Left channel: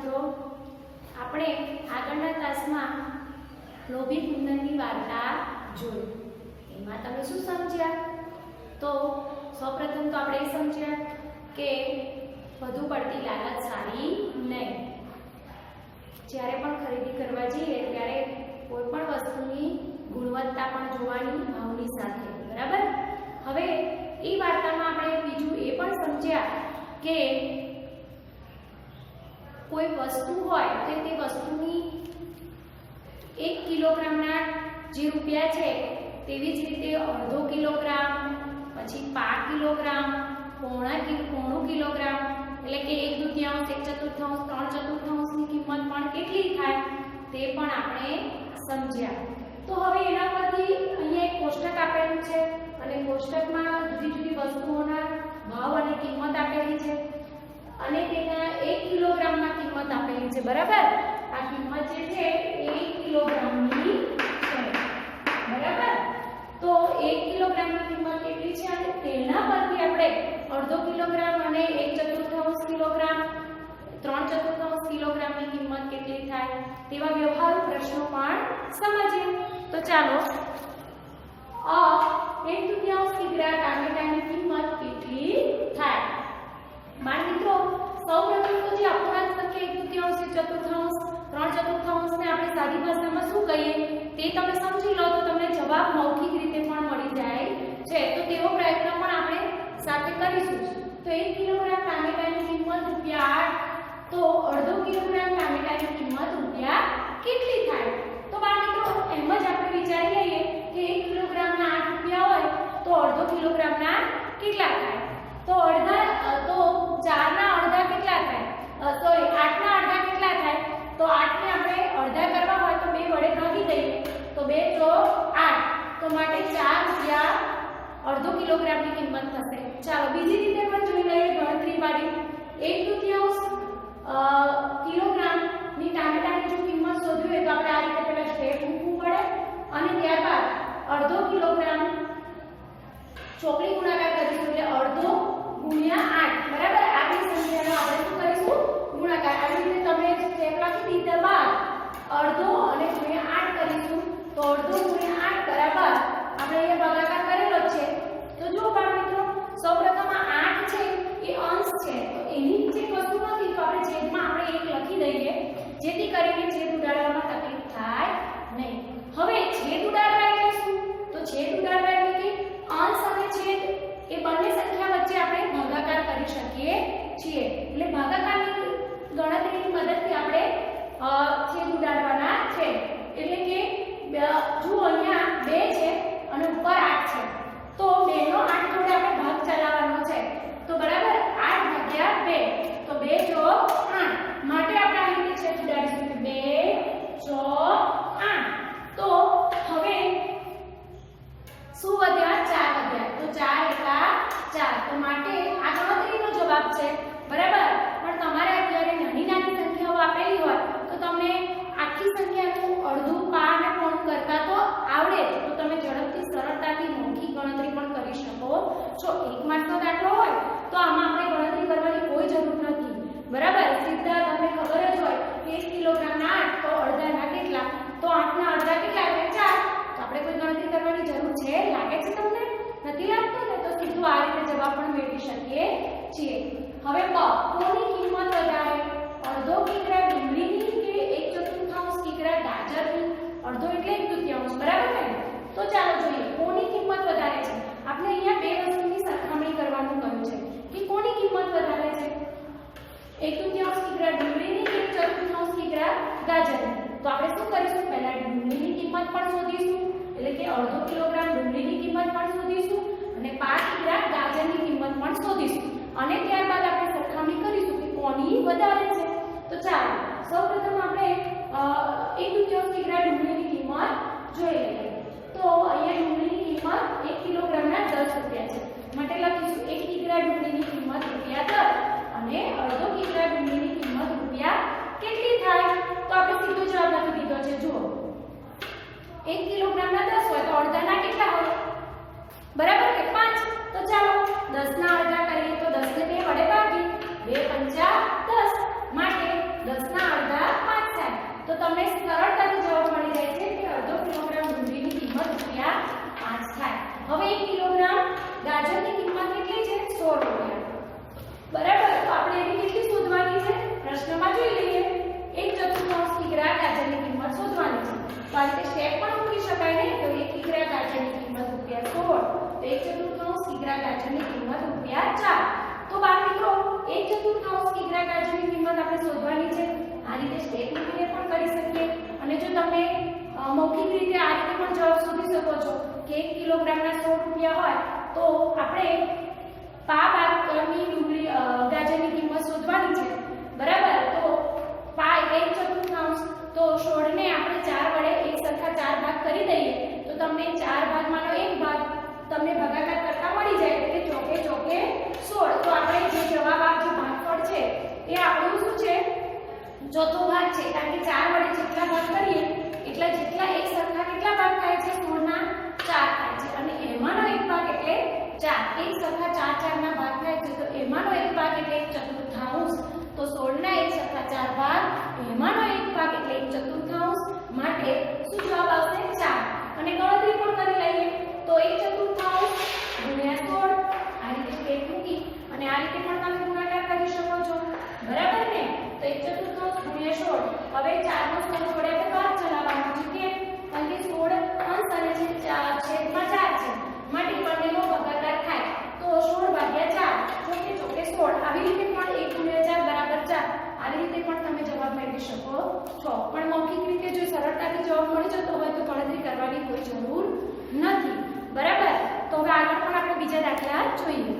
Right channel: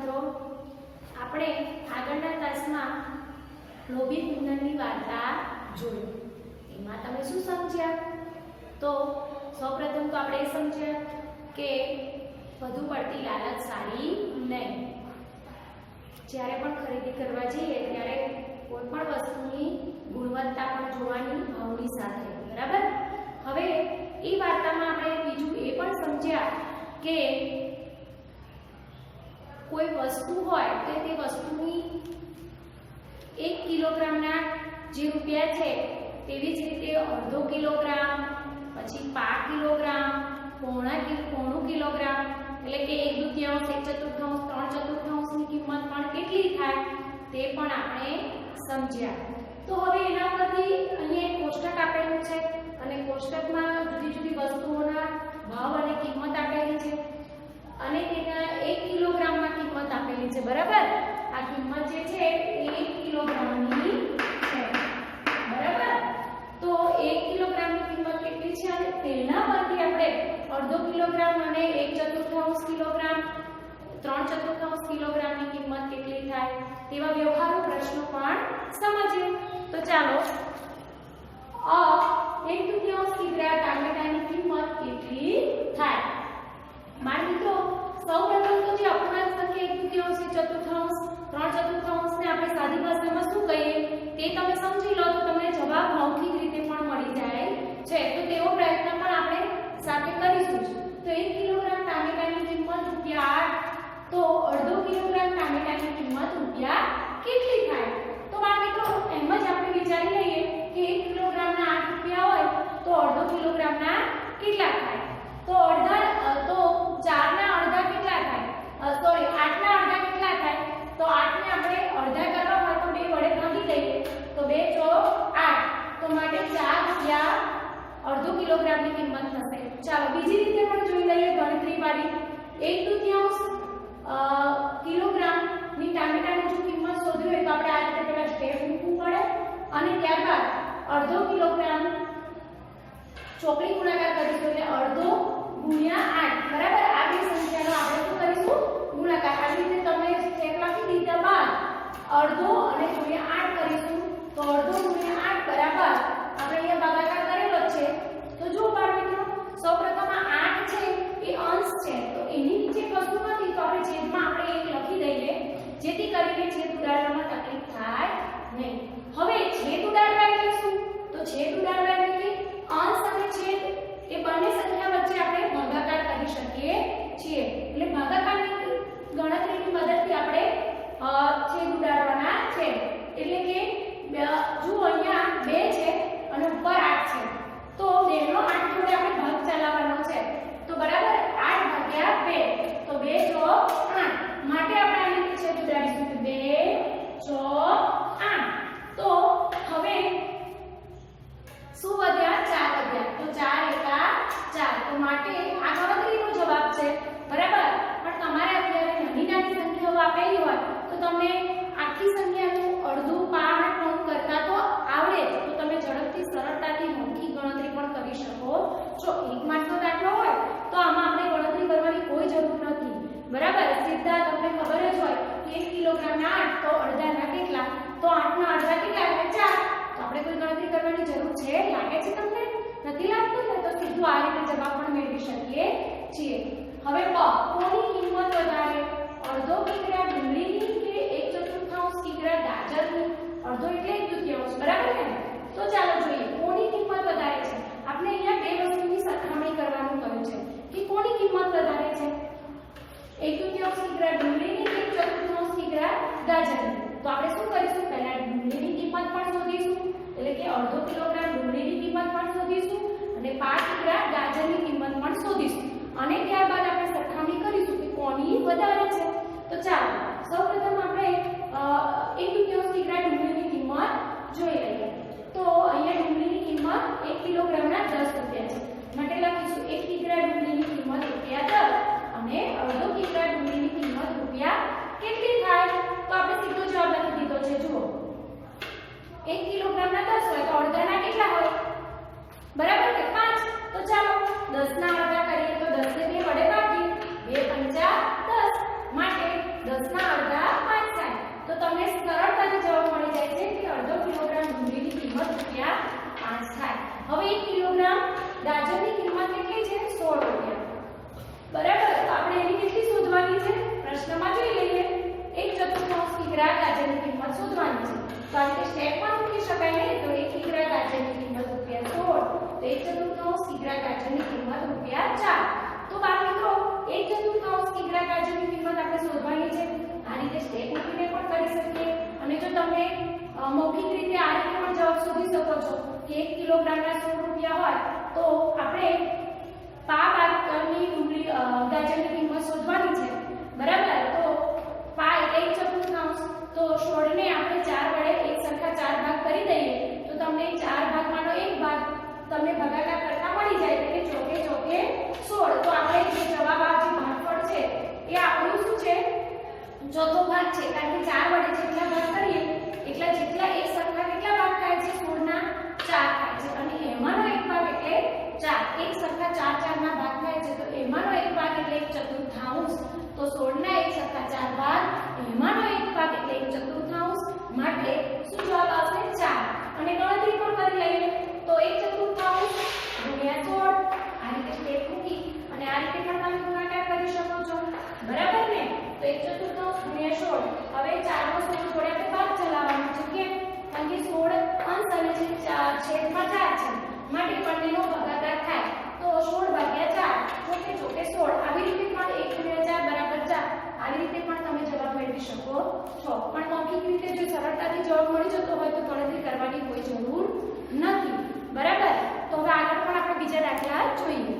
મિત્રો, આપણે આગળના ક્લાસમાં લોભી કુંદનની વાર્તા જોઈ. એમાં તમે શું સમજ્યા? તો સૌપ્રથમ તો આપણે એ સમજ્યા કે વધુ પડતી લાલચ સારી નહીં. જ્યારે પણ ખરીદી કરવા જઈએ ત્યારે કોઈ પણ વસ્તુની ગુણવત્તા પણ જોવાની ભાવની સાથે, બરાબર. હવે એ વાર્તામાં આપણે બીજું એ પણ સમજ્યા કે કોઈ વસ્તુ હોય તો તે વસ્તુની 1 કિલોગ્રામના જે રૂપિયા છે તેવી જ રીતે અડધો કિલોગ્રામ, પછી 5 કિલોગ્રામ, પોણું કિલોગ્રામ, એટલે કે 1/2, 1/4, 3/4ની કિંમત પણ કેટલી થાય તે પણ આપણે સમજ્યા. તો હવે એના પરથી અહીંયા એક કોષ્ટક આપેલું છે અને કોષ્ટકમાં જુદી જુદી વસ્તુઓના ભાવ અને કિંમત આપેલી છે અને તેના 1 કિલોગ્રામમાં કિંમત આપેલી છે, બરાબર. આ કિંમત જે છે એ 1 કિલોગ્રામની છે, બરાબર. તો 1 કિલોગ્રામની કિંમત કેટલી છે અને તેના પરથી આપણે અડધો કિલોગ્રામ અને 1/4 કિલોગ્રામ, 3/4 કિલોગ્રામની કિંમત કેટલી થાય તેવા વ્યવહારુ પ્રશ્નો પણ સમજીએ. તો ચાલો, 1/2 કિગ્રા ટામેટાની કિંમત કેટલી થાય? બાળ મિત્રો, સૌપ્રથમ તો જે અપૂર્ણાંક સંખ્યા 1/2, 1/4, 3/4 ને આપણે સાદી ભાષામાં શું કહીએ તે તમે સમજી લો તો તમને જવાબ મૌખિક રીતે પણ મળી જાય છે. તો તેવો પ્રયત્ન પણ આપણે સાથે કરીશું. તો 1 કિલોગ્રામ ટામેટાની કિંમત રૂપિયા 8, તો અડધો કિલોગ્રામ ટામેટાની કિંમત રૂપિયા કેટલી થાય? તો બાળ મિત્રો, એમ જ આપણે વિચારી લઈએ કે 1 કિલોગ્રામના 8 રૂપિયા હોય તો અડધો કિલોગ્રામના કેટલા થાય? તો 4 ના અડધા કેટલા થાય? સોરી, 8 ના અડધા કેટલા થાય? તો 8 ને આપણે અડધા કરવા હોય તો 2 વડે ભાગી દઈએ તો 2 × 8, તો માટે 4 રૂપિયા અડધો કિલોગ્રામની કિંમત થશે. ચાલો બીજી રીતે પણ જોઈ લઈએ ગણતરી વાળી. 1/2 કિલોગ્રામની ટામેટાની જો કિંમત શોધવી હોય તો આપણે આ રીતે પહેલા સ્ટેપ મૂકવું પડે અને ત્યારબાદ અડધો કિલોગ્રામ ચોકડી ગુણાકાર કરીશું એટલે અડધો ગુણ્યા 8, બરાબર. આ બે સંખ્યાનો આપણે શું કરીશું? ગુણાકાર. આવી રીતે તમે સ્ટેપ લખી દીધા બાદ અડધો અને ગુણ્યા 8 કરીશું તો અડધો ગુણ્યા 8 બરાબર આપણે અહીંયા ભાગાકાર કરેલો છે. તો જો બાળ મિત્રો, સૌપ્રથમ આ 8 છે એ અંશ છે તો એની નીચે કશું નથી તો આપણે છેદમાં આપણે 1 લખી દઈએ જેથી કરીને છેદ ઉડાડવામાં તકલીફ થાય નહીં. હવે છેદ ઉડાડવા એટલે શું? તો છેદ ઉડાડવા એટલે કે અંશ અને છેદ એ બંને સંખ્યા વચ્ચે આપણે ભાગાકાર કરી શકીએ છીએ. એટલે ભાગાકારની ગણતરીની મદદથી આપણે છેદ ઉડાડવાના છે. એટલે કે જુઓ, અહીંયા 2 છે અને ઉપર 8 છે તો 2 નો 8 જોડે આપણે ભાગ ચલાવવાનો છે. તો બરાબર 8/2, તો 2 × 8 માટે આપણે આની નીચે ઉડાડીશું 2 × 8. તો હવે શું વધ્યા? 4 વધ્યા. તો 4 × 4, તો માટે આ ગણતરીનો જવાબ છે, બરાબર. પણ તમારે અત્યારે નાની નાની સંખ્યાઓ આપેલી હોય તો તમને આખી સંખ્યાનું અડધું, પા અને પોણું કરતા તો આવડે તો તમે ઝડપથી સરળતાથી મૌખિક ગણતરી પણ કરી શકો છો. 1 માર્કનો દાખલો હોય તો આમાં આપણે ગણતરી કરવાની કોઈ જરૂર નથી, બરાબર. સીધા તમને ખબર જ હોય કે 1 કિલોગ્રામના 8 તો અડધાના કેટલા? તો 8 ના અડધા કેટલા? એટલે 4. તો આપણે કોઈ ગણતરી કરવાની જરૂર છે? લાગે છે તમને? નથી લાગતું ને? તો સીધું આ રીતે જવાબ પણ મેળવી શકીએ છીએ. હવે કોની કિંમત વધારે? અડધો કિગ્રા ડુંગળીની કે 1/4 કિગ્રા ગાજરની? અડધો એટલે 1/2, બરાબર ને? તો ચાલો જોઈએ કોની કિંમત વધારે છે. આપણે અહીંયા બે વસ્તુની સરખામણી કરવાનું કહ્યું છે કે કોની કિંમત વધારે છે? 1/2 કિગ્રા ડુંગળીની કે 1/4 કિગ્રા ગાજરની? તો આપણે શું કરીશું? પહેલા ડુંગળીની કિંમત પણ શોધીશું, એટલે કે અડધો કિલોગ્રામ ડુંગળીની કિંમત પણ શોધીશું અને 5 કિગ્રા ગાજરની કિંમત પણ શોધીશું અને ત્યારબાદ આપણે સરખામણી કરીશું કે કોની વધારે છે. તો ચાલો સૌપ્રથમ આપણે 1/2 કિગ્રા ડુંગળીની કિંમત જોઈ લઈએ. તો અહીંયા ડુંગળીની કિંમત 1 કિલોગ્રામના 10 રૂપિયા છે માટે લખીશું 1 કિગ્રા ડુંગળીની કિંમત રૂપિયા 10 અને અડધો કિગ્રા ડુંગળીની કિંમત રૂપિયા કેટલી થાય? તો આપણે સીધો જવાબ લખી દીધો છે. જુઓ, 1 કિલોગ્રામના 10 હોય તો અડધાના કેટલા હોય? બરાબર કે 5. તો ચાલો 10 ના અડધા કરીએ તો 10 ને 2 વડે ભાગીએ, 2 × 5 = 10 માટે 10 ના તમને સરળતાથી જવાબ મળી જાય છે કે અડધો કિલોગ્રામ ડુંગળીની કિંમત ₹5 થાય. હવે 1 કિલોગ્રામ ગાજરની કિંમત કેટલી છે? 16 રૂપિયા. બરાબર, તો આપણે એની કેટલી શોધવાની છે? પ્રશ્નમાં જોઈ લઈએ. 1/4 કિગ્રા ગાજરની કિંમત શોધવાની છે. તો આ રીતે સ્ટેપ પણ મૂકી શકાય ને. તો 1 કિગ્રા ગાજરની કિંમત ₹16. તો 1/4 કિગ્રા ગાજરની કિંમત ₹4. તો બાળમિત્રો 1/4 કિગ્રા ગાજરની કિંમત આપણે શોધવાની છે. આ રીતે સ્ટેપ મૂકીને પણ કરી શકીએ. અને જો તમે મૌખિક રીતે આ રીતે પણ જવાબ શોધી શકો છો કે 1 કિલોગ્રામના 16 રૂપિયા હોય તો આપણે પા બાદ કરની ડુંગળી ગાજરની કિંમત શોધવાની છે. બરાબર, તો પા 1/4 તો 16 ને આપણે 4 વડે એક સરખા 4 ભાગ કરી દઈએ તો તમને 4 ભાગમાંનો એક ભાગ તમને ભાગાકાર કરતા મળી જાય એટલે ચોકે ચોકે 16. તો આપણે જે જવાબ આ જે ભાગફળ છે એ આપણું શું છે? ચોથો ભાગ છે. કારણ કે 4 વડે જેટલા ભાગ કરીએ એટલા જેટલા એક સરખા કેટલા ભાગ થાય છે? 16 ના 4 થાય છે. અને એમાંનો એક ભાગ એટલે 4. એક સરખા 4 ના ભાગ થાય છે તો એમાંનો એક ભાગ એટલે 1/4. તો 16 ના એક સરખા 4 ભાગ, એમાંનો એક ભાગ એટલે 1/4. માટે શું જવાબ આવશે? 4. અને ગણતરી પણ કરી લઈએ તો 1/4 ગુણ્યા 16. આ રીતે સ્ટેપ મૂકી અને આ રીતે પણ તમે ગુણાકાર કરી શકો છો. બરાબર ને? તો 1/4 ગુણ્યા 16. હવે 4 નો 16 વડે આપણે ભાગ ચલાવવાનો છે. કેમ? કારણ કે 16 અંશ અને છેદમાં 4 છે. માટે બંનેનો ભાગાકાર થાય તો 16 ભાગ્યા 4 ચોકે ચોકે 16. આવી રીતે પણ 1 ગુણ્યા 4 બરાબર 4. આવી રીતે પણ તમે જવાબ મેળવી શકો છો. પણ મૌખિક રીતે જો સરળતાથી જવાબ મળી જતો હોય તો ગણતરી કરવાની કોઈ જરૂર નથી. બરાબર, તો હવે આગળ પણ આપણે બીજા દાખલા જોઈએ.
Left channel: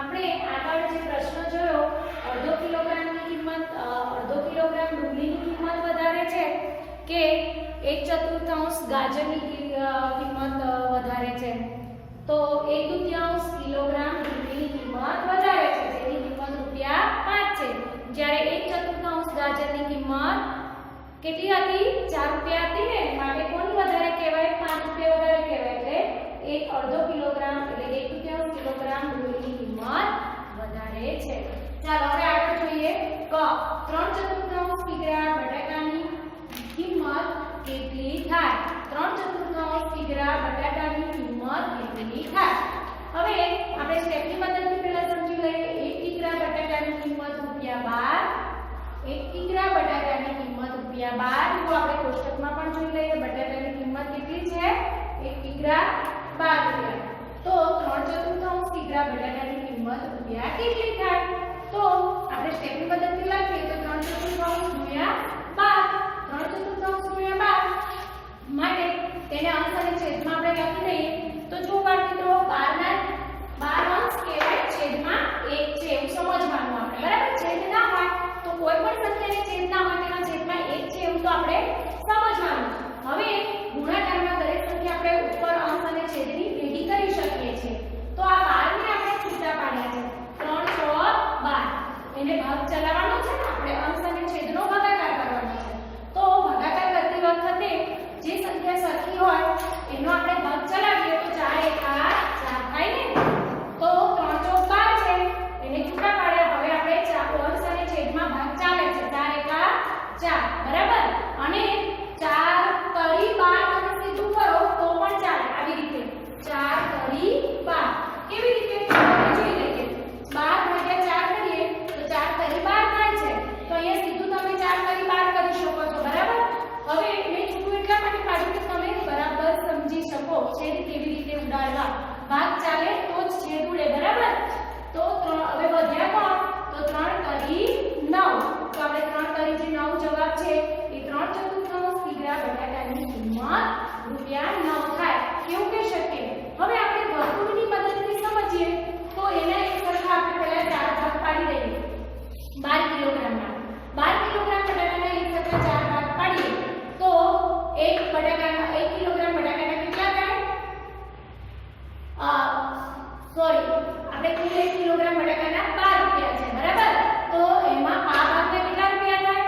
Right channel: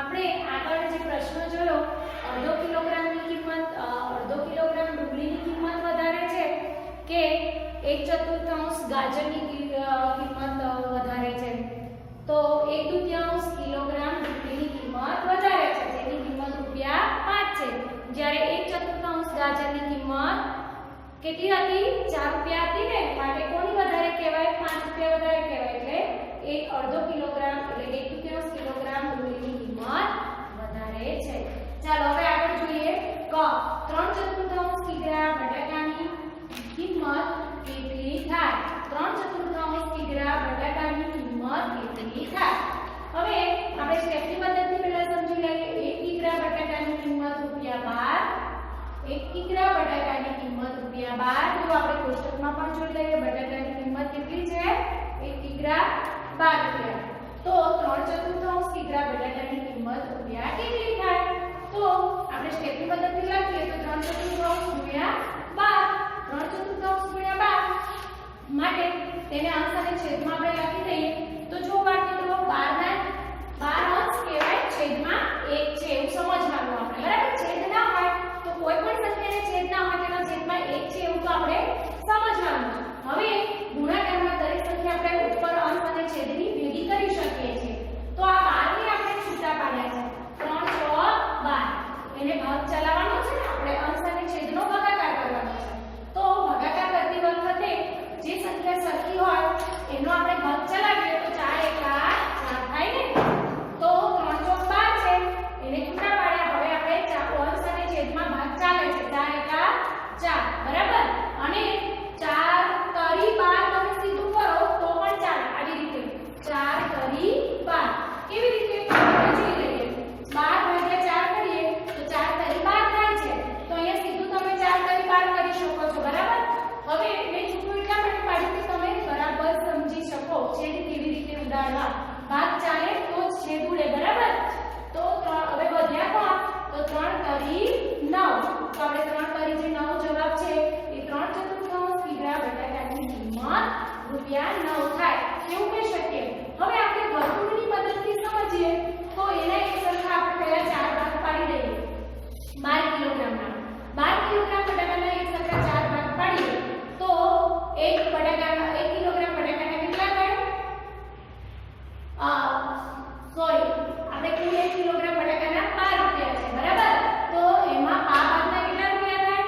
આપણે આગળ જે પ્રશ્ન જોયો, અડધો કિલોગ્રામની કિંમત અડધો કિલોગ્રામ ડુંગળીની કિંમત વધારે છે કે 1/4 ગાજરની કિંમત વધારે છે? તો 1/2 કિલોગ્રામ ડુંગળીની કિંમત વધારે છે જેની કિંમત ₹5 છે. જ્યારે 1/4 ગાજરની કિંમત કેટલી હતી? ₹4 હતી ને. માટે કોની વધારે કહેવાય? ₹5 વધારે કહેવાય. એટલે અડધો કિલોગ્રામ એટલે 1/2 કિલોગ્રામ ડુંગળીની કિંમત વધારે છે. ચાલો હવે આગળ જોઈએ. 3/4 કિગ્રા બટાકાની કિંમત કેટલી થાય? 3/4 કિગ્રા બટાકાની કિંમત કેટલી થાય? હવે આપણે સ્ટેપની મદદથી પહેલા સમજી લઈએ. 1 કિગ્રા બટાકાની કિંમત ₹12. 1 કિગ્રા બટાકાની કિંમત ₹12. તો આપણે કોષ્ટકમાં પણ જોઈ લઈએ બટાકાની કિંમત કેટલી છે? 1 કિગ્રા ₹12. તો 3/4 કિગ્રા બટાકાની કિંમત રૂપિયા કેટલી થાય? તો આપણે સ્ટેપની મદદથી લખીએ તો 3/4 ગુણ્યા 12. 3/4 ગુણ્યા 12 માટે તેને અંશ અને છેદમાં આપણે લખી દઈએ. તો જો મિત્રો 12 અંશ કહેવાય, છેદમાં 1 છે એવું સમજવાનું આપણે. બરાબર, છેદ ના હોય તો કોઈ પણ સંખ્યાને છેદ ના હોય તેનો છેદમાં 1 છે એવું તો આપણે સમજવાનું. હવે ગુણાકારમાં દરેક સંખ્યા આપણે ઉપર અંશ અને છેદની ભેગી કરી શકીએ છીએ. તો આ 12 ને આપણે છૂટા પાડ્યા છે. 3 6 12 એને ભાગ ચલાવવાનો છે ને આપણે અંશ અને છેદનો ભાગાકાર કરવાનો છે. તો ભાગાકાર કરતી વખતે જે સંખ્યા સરખી હોય એનો આપણે ભાગ ચલાવીએ તો 4 એકા 4 થાય ને. તો 3 ચોક 12 છે એને છૂટા પાડ્યા. હવે આપણે અંશ અને છેદમાં ભાગ ચાલે છે. 4 એકા 4 બરાબર. અને 4 તરી 12 તમે સીધું કરો તો પણ ચાલે. આવી રીતે 4 તરી 12 કેવી રીતે જોઈ લઈએ. 12 ભાગ્યા 4 કરીએ તો 4 તરી 12 થાય છે. તો અહીંયા સીધું તમે 4 તરી 12 કરી શકો છો. બરાબર. હવે મેં છૂટું એટલા માટે પાડ્યું કે તમે બરાબર સમજી શકો છેદ કેવી રીતે ઉડાડવા. ભાગ ચાલે તો જ છેદ ઉડે. બરાબર. તો હવે વધ્યા કોણ? તો 3 તરી 9. તો આપણે 3 તરી જે 9 જવાબ છે એ 3/4 કિગ્રા બટાકાની કિંમત ₹9 થાય. કેવું કહી શકીએ? હવે આપણે વર્તુળની મદદથી સમજીએ તો એના એક સરખા આપણે પહેલા 4 ભાગ પાડી દઈએ. 12 કિલોગ્રામના 12 કિલોગ્રામ બટાકાના એક સરખા 4 ભાગ પાડીએ તો 1 કિલોગ્રામ બટાકાના કેટલા થાય? સોરી, આપણે કુલ 1 કિલોગ્રામ બટાકાના ₹12 છે. બરાબર. તો એમાં આ ભાગના કેટલા રૂપિયા થાય?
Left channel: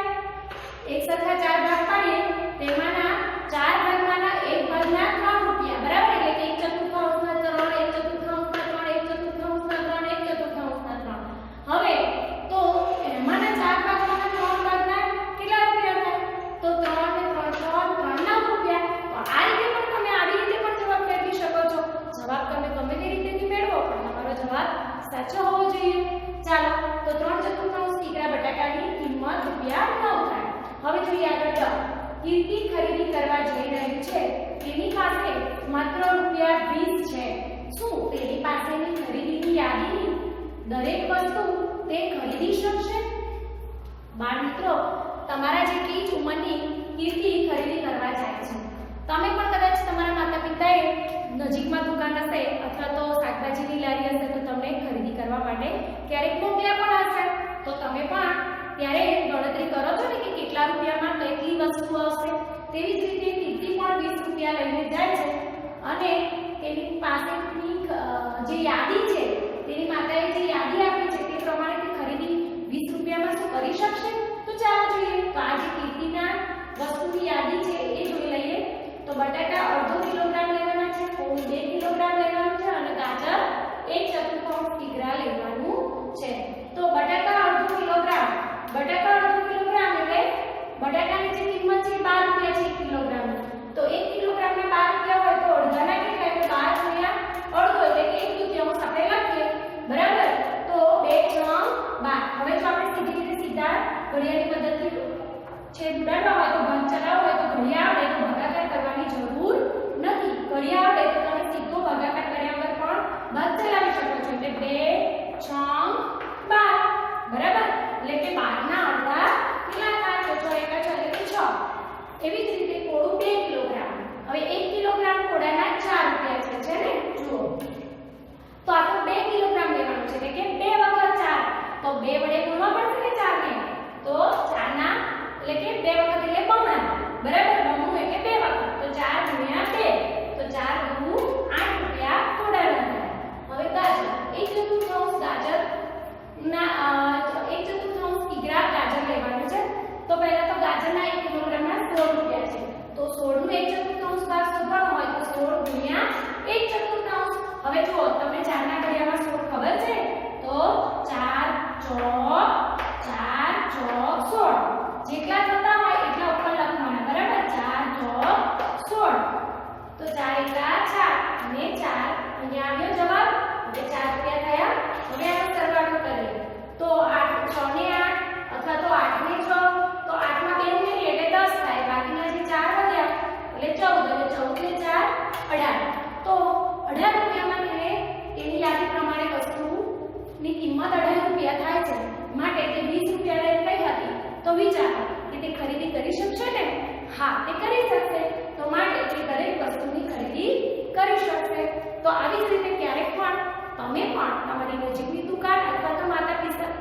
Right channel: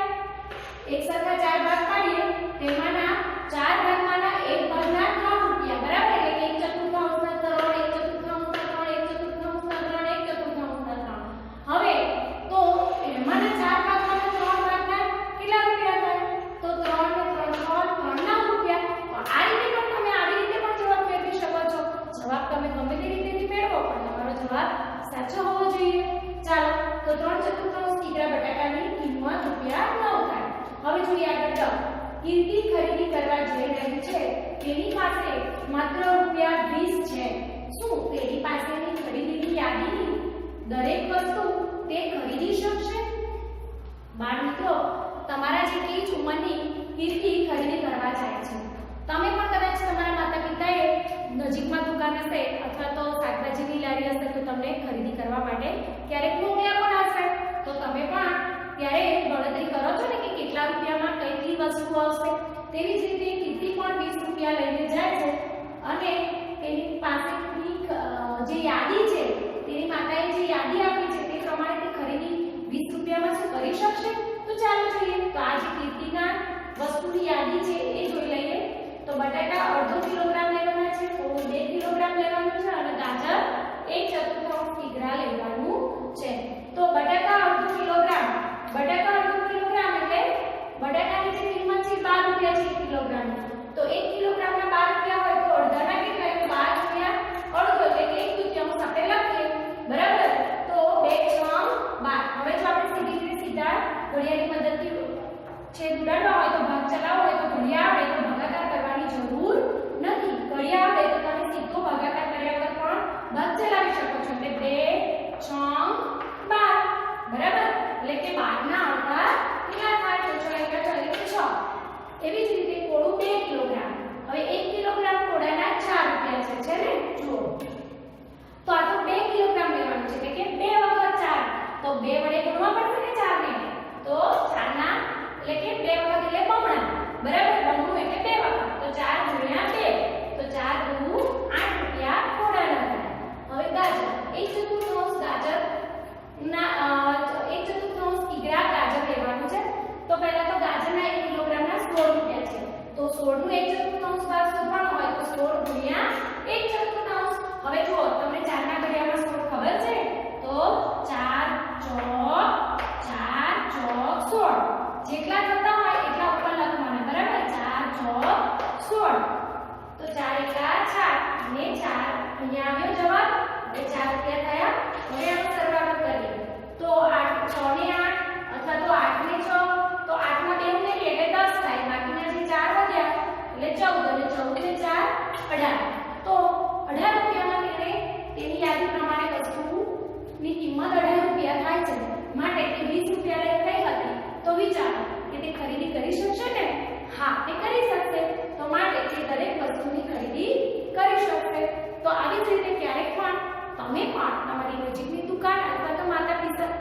એક સરખા 4 ભાગ પાડીએ તેમાંના 4 ભાગમાંના એક ભાગના 3 રૂપિયા 9 થાય. હવે જોઈએ આગળ. કીર્તિ ખરીદી કરવા જઈ રહી છે. તેની પાસે માત્ર રૂપિયા 20 છે. શું તેની પાસેની ખરીદીની યાદીની દરેક વસ્તુ તે ખરીદી શકશે? બાળ મિત્રો, તમારા જેટલી જ ઉંમરની કીર્તિ ખરીદી કરવા જાય છે. તમે પણ કદાચ તમારા માતા-પિતાએ નજીકમાં દુકાન હશે અથવા તો શાકભાજીની લારી હશે તો તમને ખરીદી કરવા માટે ક્યારેક મોકલ્યા પણ હશે. તો તમે પણ ત્યારે ગણતરી કરો છો ને કે કેટલા રૂપિયામાં કેટલી વસ્તુ આવશે. તેવી જ રીતે કીર્તિ પણ 20 રૂપિયા લઈને જાય છે અને તેની પાસેની જે યાદી છે, તેની માતાએ જે યાદી આપી છે તે પ્રમાણે તે ખરીદી 20 રૂપિયામાં શું કરી શકશે? તો ચાલો જોઈએ. તો આ જે કીર્તિના વસ્તુની યાદી છે એ જોઈ લઈએ. તો બટાકા અડધો કિલોગ્રામ લેવાના છે, કોળ 2 કિલોગ્રામ લેવાનું છે અને ગાજર 1/4 કિગ્રા લેવાનું છે. તો બટાકા અડધો કિલોગ્રામ એટલે બટાકાની જે કિંમત છે 12 રૂપિયા છે 1 કિલોગ્રામ. તો 1 કિલોગ્રામના 12 રૂપિયા હોય તો અડધાના કેટલા? એટલે 12 ગુણ્યા અડધો એટલે કે 1/2 આપણે લખીએ. બરાબર? તો 2 × 12. હવે જો આપણે સીધા ઘડિયાળની પદ્ધતિ છેદ ઉડાડવા હોય તો ભાગ ચલાવવો હોય તો ઘડિયાળ આવડે તો ભાગાકાર કરવાની જરૂર નથી. ઘડિયાળ આવડે તો તમે સીધો ભાગાકાર કર્યા વગર પણ ભાગ ચલાવી શકો છો. એટલે 2 × 12. બરાબર? એટલે કે 12 ના અડધા કેટલા થાય? તો 6 × 6 એટલે 6. એવી જ રીતે કોળું 2 કિલોગ્રામ. હવે 1 કિલોગ્રામ કોળાના 4 રૂપિયા છે ને? જુઓ. તો આ તો 2 કિલોગ્રામ લેવાનું છે એટલે કે 2 વખત 4. તો 2 વડે ગુણવા પડશે ને 4 ને. તો 4 ના એટલે કે 2 વખત એટલે બમણા. બરાબર? બમણું એટલે 2 વખત. તો 4 × 2. તો 4 × 8 રૂપિયા કોળાના થાય. હવે ગાજર 1/4 ગાજર ના 1/4 કિગ્રા ગાજર લેવાનું છે. તો પહેલા તો ગાજરના 1 કિલોગ્રામના 16 રૂપિયા છે. તો 16 નું 1/4 ભાગ શોધવાનો હોય તો 16 ગુણ્યા 1/4. હવે જુઓ, તમને 4 ના ઘડિયામાં 16 ખબર છે? તો 4 ચોક 16. જેટલા થતા હોય એટલા ઉપર લખવાના. બરાબર? 4 ચોક 16. તો 4 × 4 અને 4 અહીંયા આવ્યો જવાબ. એટલે 4 રૂપિયા થયા. હવે આપણે સરવાળો કરીએ. તો 8 6 ને 8 અથવા તો 8 ને 6. તો 8 માં 2 ઉમેરીએ એટલે 10 થાય. બાકીના જે 4 વધ્યા એટલે 14. એટલે 14 ને 4 18. તો 18 રૂપિયામાં તેની યાદી પ્રમાણે વસ્તુની કિંમત 18 રૂપિયા થાય છે. માટે તે 20 રૂપિયા લઈ કઈ હતી? તો વિચારો કે તે ખરીદી કરી શકશે ને? હા, તે કરી શકશે. તો માટે તે દરેક વસ્તુની ખરીદી કરી શકશે. તો આવી જ રીતે ક્યારેક પણ તમે પણ તમારી નજીકની દુકાન અથવા તો માતા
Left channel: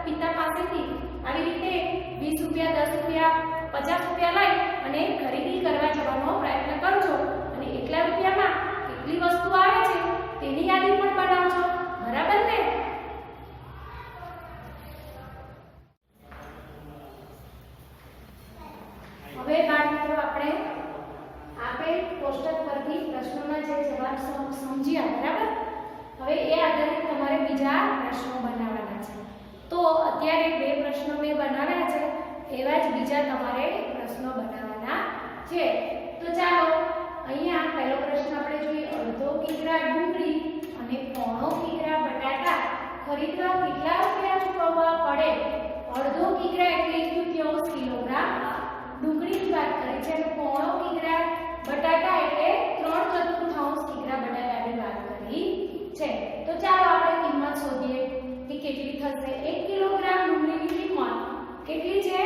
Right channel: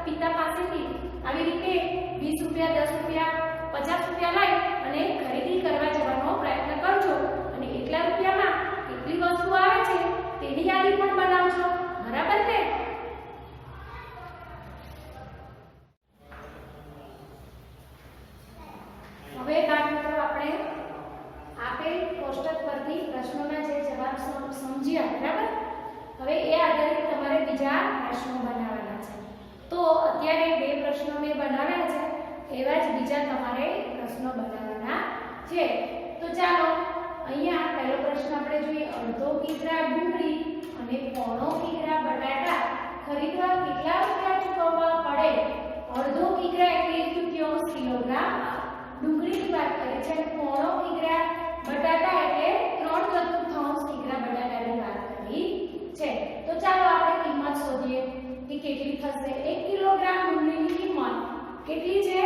પિતા પાસેથી આવી રીતે 20 રૂપિયા 10 રૂપિયા 50 રૂપિયા લઈ અને ખરીદી કરવા જવાનો પ્રયત્ન કરજો અને એટલા રૂપિયામાં કેટલી વસ્તુ આવે છે તેની યાદી પણ બનાવજો. બરાબર ને? હવે બાળકો આપણે આપેલ કોષ્ટક પરથી પ્રશ્નોના જે જવાબ સમજ્યા. બરાબર? હવે એ આધારિત તમારે બીજા પ્રશ્નો બનાવવાના છે. તો અત્યારે 2 પ્રશ્નો મેં બનાવ્યા છે, એવા જ બીજા તમારે પ્રશ્નો બનાવવાના છે. તો ચાલો અહીંયા પહેલો પ્રશ્ન આપણે જોઈએ. અડધો કિગ્રા ડુંગળી અને 1/4 કિગ્રા બટાટા ખરીદવા કેટલા રૂપિયા ચૂકવવા પડે? અડધો કિગ્રા એટલે 1/4 કિલોગ્રામ ડુંગળીની વાત કરી છે અને 1/4 કિગ્રા બટાટા એટલે 3/4 કિગ્રા બટાટાની વાત કરી છે. તો ચાલો આપણે કિંમત શોધીએ કે કેટલી થશે. 1 કિલોગ્રામ ડુંગળીની કિંમત કેટલી છે?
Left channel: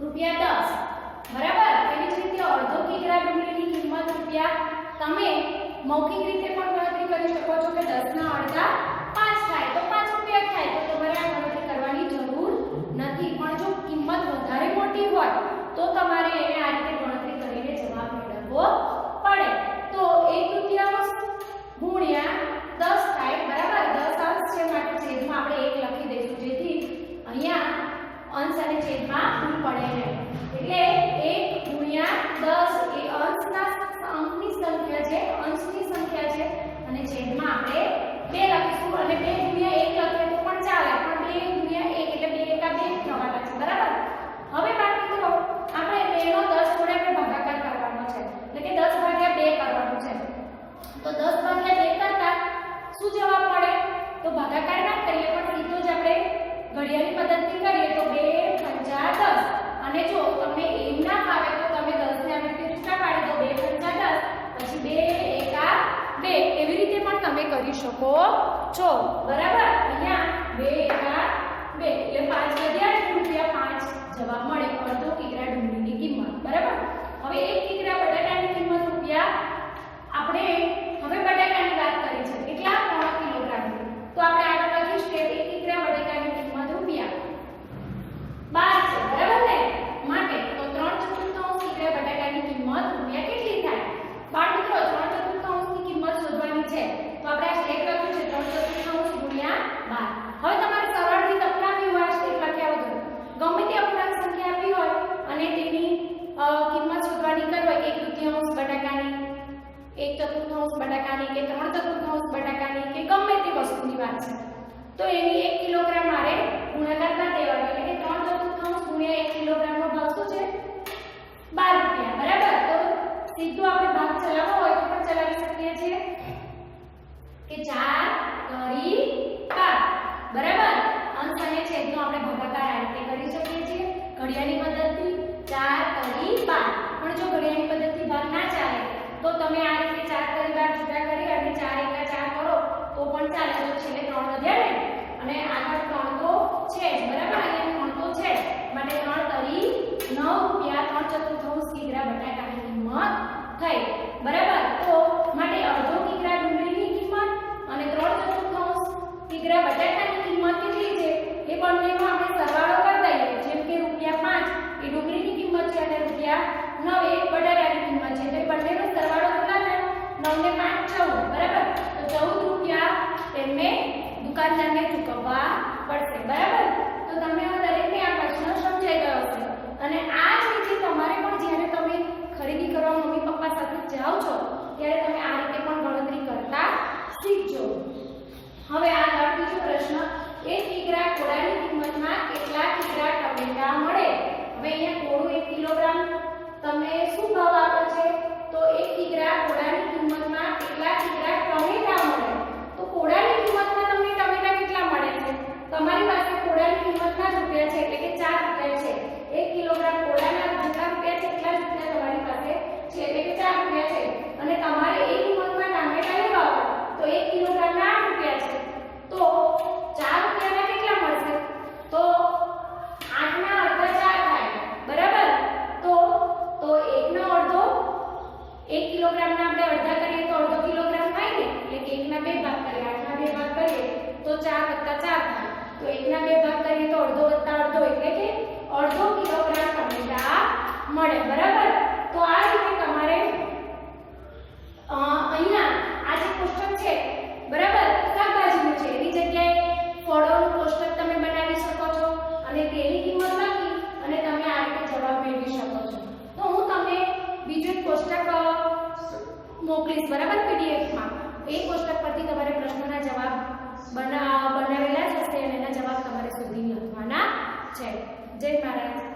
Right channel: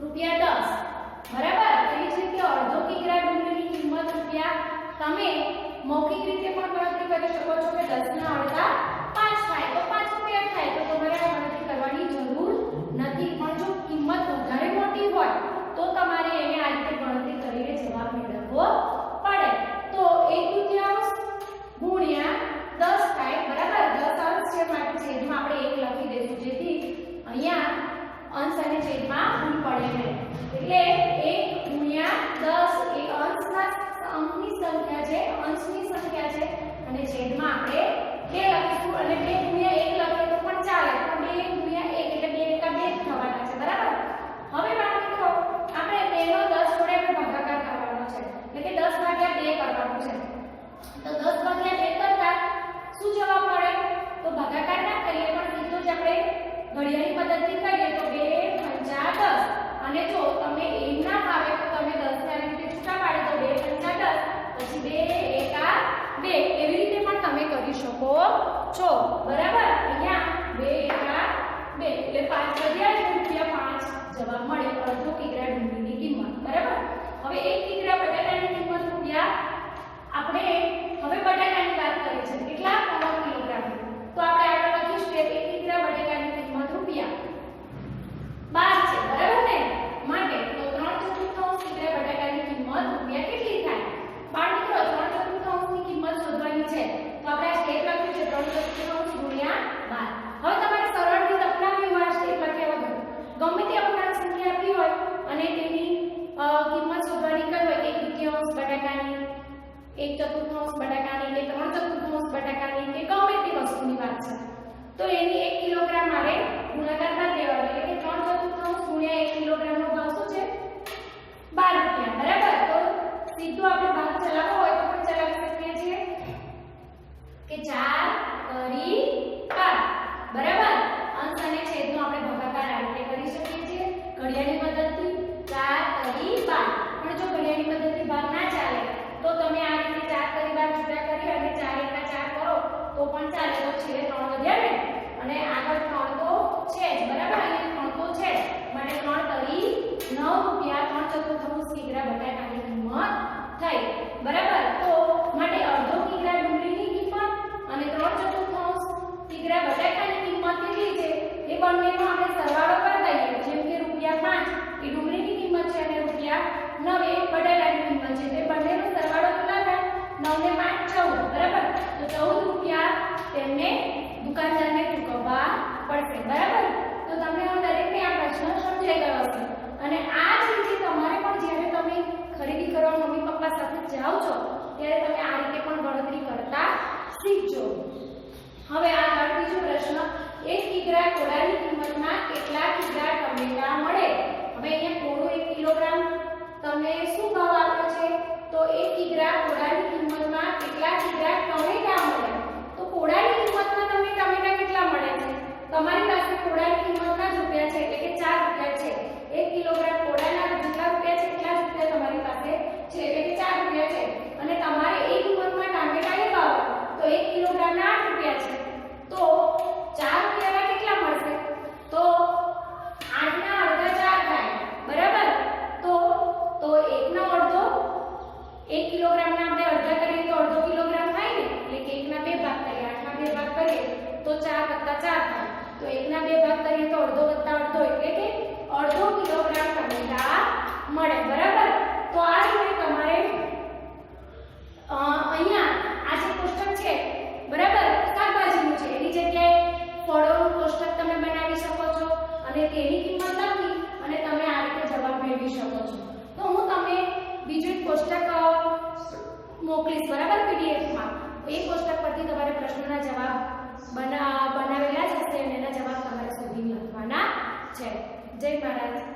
રૂપિયા 10. બરાબર? તેવી જ રીતે અડધો કિગ્રા ડુંગળીની કિંમત રૂપિયા. તમે મૌખિક રીતે પણ ગણતરી કરી શકો છો કે 10 ના અડધા 5 થાય તો 5 રૂપિયા થાય. તો તમારે આ ગણતરી કરવાની જરૂર નથી. પણ જો કિંમત વધારે મોટી હોય તો તમારે એને આ રીતે ગણતરી કરીને જવાબ મેળવવો પડે. તો 1/4 ગુણ્યા 10 થાય. બરાબર? 10 અંશ છે માટે છેદમાં આપણે 1 લખી દઈશું જેથી અહીંયા અંશ અને છેદમાં ભૂલ પડે નહીં. એટલે 1 ગુણ્યા 10 એ અંકની સંખ્યા છે, અંશની સંખ્યા છે અને છેદમાં આપણે 2 લખીશું અને 2 ગુણ્યા 1 લખીએ તો પણ ચાલે. પણ 2 ગુણ્યા 1 એટલે 2 શકો છો. બરાબર? અહીંયા 2 એકા 2 એટલે 5 વધ્યા ને રૂપિયા 5 જવાબ મળે અડધો કિગ્રા ડુંગળીની કિંમત. બરાબર? હવે 1 કિગ્રા બટાકાની કિંમત રૂપિયા આપણે હવે બટાકાની વાત કરી છે કેટલા 3 કિલોગ્રામ. તો આપણે આગળ લખી સ્ટેપ 1 કિગ્રા બટાકાની કિંમત રૂપિયા 12 છે. બરાબર ને? માટે તો 3/4 કિગ્રા બટાકાની કિંમત રૂપિયા કેટલી થાય? બાળ મિત્રો 3/4 ની કિંમત શોધવાની છે. તો આપણે આ સ્ટેપ લખ્યું છે 3/4 ગુણ્યા 12. હવે તમારે સરળથી લખવાની હોય આ સ્ટેપ લખ્યા વગર ગમે તે અપૂર્ણાંક સંખ્યા આપી હોય અને તેની કિંમત શોધવાની કરી હોય 1/3 બટાકાની 1/4 બટાકાની કે 3/4 બટાકાની કે ગમે તે વસ્તુની વાત છે તો એની 1 કિલોગ્રામ મારે ગુણાકાર કરી દેવાનો એટલે કે 3/4 ગુણ્યા 1 કિલોગ્રામ નો ભાવ શું છે 12 રૂપિયા. બરાબર? તો સીધું આપણે ભાગ ચલાવવો હોય તો પણ ચલાવી શકીએ છીએ કે 4 કરી 12. બરાબર? અંશ અને છેદનો આપણે ભાગાકાર આ રીતે કરી શકીએ છીએ ઘડિયાળની મદદથી 4 કરી 12. પણ જો ઘડિયાળની મદદથી ભાગ ના ચાલે તો તમે આ રીતે 4 કરી 12 જુદા કરી અને 4 એકા 4 કરો તો પણ ચાલે. તો છેલ્લે 3 વધ્યા ને અને આગળ 3 તો છે જ. બરાબર? અહીંયા 3 તો છે જ માટે 3 કરી 9 રૂપિયા 3/4 કિગ્રા બટાકાની કિંમત થઈ. બરાબર? તો માટે અડધો કિગ્રા ડુંગળીની કિંમત અને 3/4 કિગ્રા બટાકાની કિંમત કેટલી છે એ બંનેનો આપણે સરવાળો કરી દઈએ. જેમ કે રૂપિયા 5 એ ડુંગળીની કિંમત છે અને રૂપિયા 9 એ બટાકાની કિંમત છે. એટલે બંનેનો સરવાળો કેટલા થાય? 9 ને 5 14. બરાબર? તો 14 રૂપિયા તેમને દુકાનદારને ચૂકવવા પડશે. બરાબર? તો તમને આ દરેકને આ પ્રશ્ન સમજાઈ ગયો હશે અને આ જ રીતે તમારે પણ જ્યારે તમે ખરીદી કરવા મમ્મી પપ્પા સાથે જાઓ છો ત્યારે તમે આ રીતે પણ ગણતરી કરતા શીખજો. હવે આ બીજો પ્રશ્ન 1 કિગ્રા કોળાની કિંમતમાં કેટલા કિગ્રા ટમેટા મળે? હવે અહીંયા કોળું 1 કિલોગ્રામ તમને શું ભાવ આપ્યો છે? તો 1 કિગ્રા કોળાની કિંમતમાં કેટલા કિગ્રા ટમેટા મળે? તો કોળાની કિંમતમાં તમને ટમેટા કેટલા મળે છે? તમારી પાસે કોળાની કિંમતના જ રૂપિયા છે એટલે કે 4 રૂપિયા છે. 1 કિલોગ્રામ કોળાના જેટલા રૂપિયા છે એટલા જ રૂપિયા તમારી પાસે છે એટલે કે 4 રૂપિયા છે અને તમારે એ કિંમતમાં ટામેટા લેવા હોય તો 1 કિલોગ્રામના 8 રૂપિયા છે. તો 4 રૂપિયાના કેટલા મળશે? તો 8 ના અડધા 4 થાય. બરાબર? તો 1 નો અડધો 1 કિલોગ્રામના આપણે અડધા કરીએ તો અડધો કિલોગ્રામ થાય ને એટલે કે 1 ના 2 ભાગ કરીએ 8 ના 2 ભાગ કરીએ તો 4 + 4 થાય. તો 1 ના 2 ભાગ કરીએ તો અડધો + અડધો એટલે કે અડધો કિલોગ્રામ ટમેટા મળે. બરાબર? તો આ રીતે તમારે અહીંયા આ જે કોષ્ટક છે બરાબર શાકભાજીનું છે એની જગ્યાએ ફળોનું કોષ્ટક તમે બનાવી શકો છો અને તેની કિંમત લખી અને તમે આ રીતે જવાબ મેળવી શકો છો. તો હું તમને બીજું એક કોષ્ટક મોકલીશ. બરાબર? પીડીએફમાં એ કોષ્ટક પરથી તમારે પ્રશ્નોના જવાબ બનાવેલા જ હશે અને એના જવાબ તમારે શોધીને લખવાના છે. જય મહારાજ.